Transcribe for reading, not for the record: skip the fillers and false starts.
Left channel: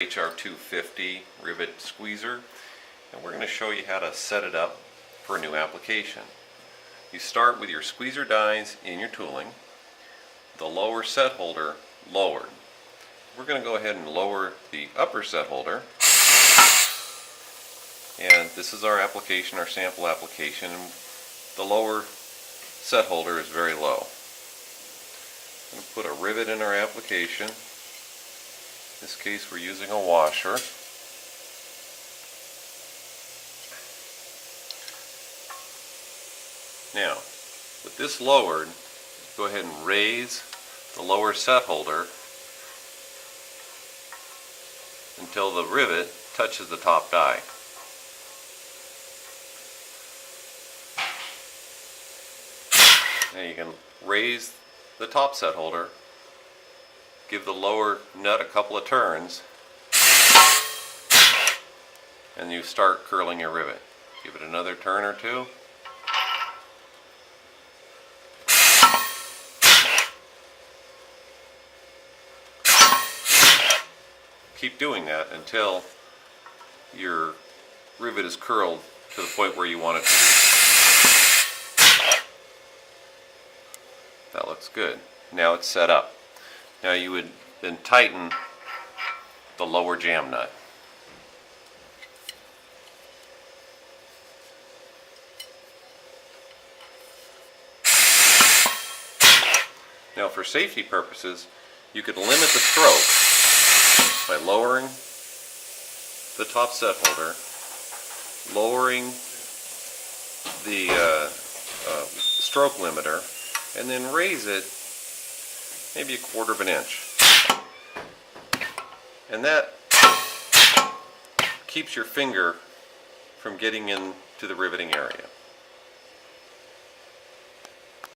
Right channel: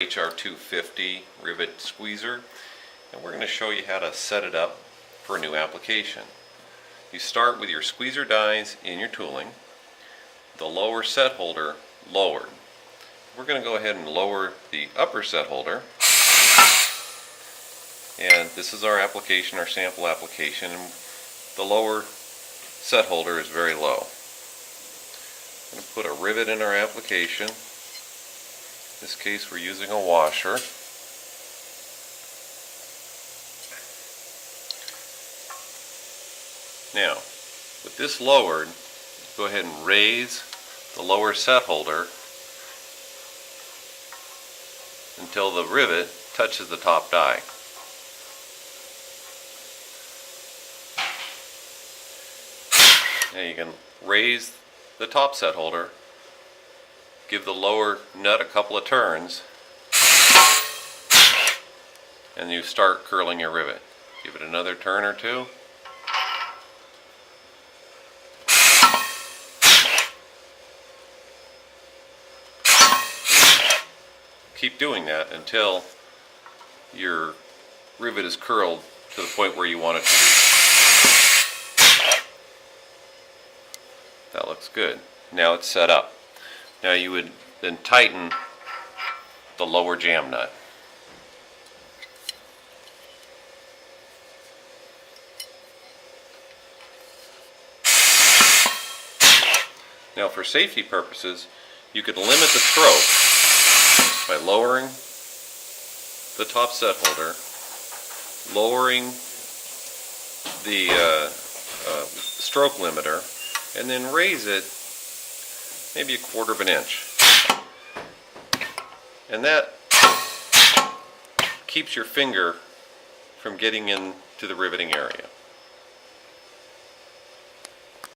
HR 250 rivet squeezer, and we're going to show you how to set it up for a new application. You start with your squeezer dies in your tooling, the lower set holder lowered. We're going to go ahead and lower the upper set holder, and this is our application, our sample application. The lower set holder is very low. I'm going to put a rivet in our application. In this case we're using a washer. Now, with this lowered, go ahead and raise the lower set holder until the rivet touches the top die. Now you can raise the top set holder, give the lower nut a couple of turns, and you start curling your rivet. Give it another turn or two. Keep doing that until your rivet is curled to the point where you want it to be. That looks good. Now it's set up. Now you would then tighten the lower jam nut. Now for safety purposes, you could limit the stroke by lowering the top set holder, lowering the stroke limiter, and then raise it maybe 1/4 of an inch. And that keeps your finger from getting into the riveting area.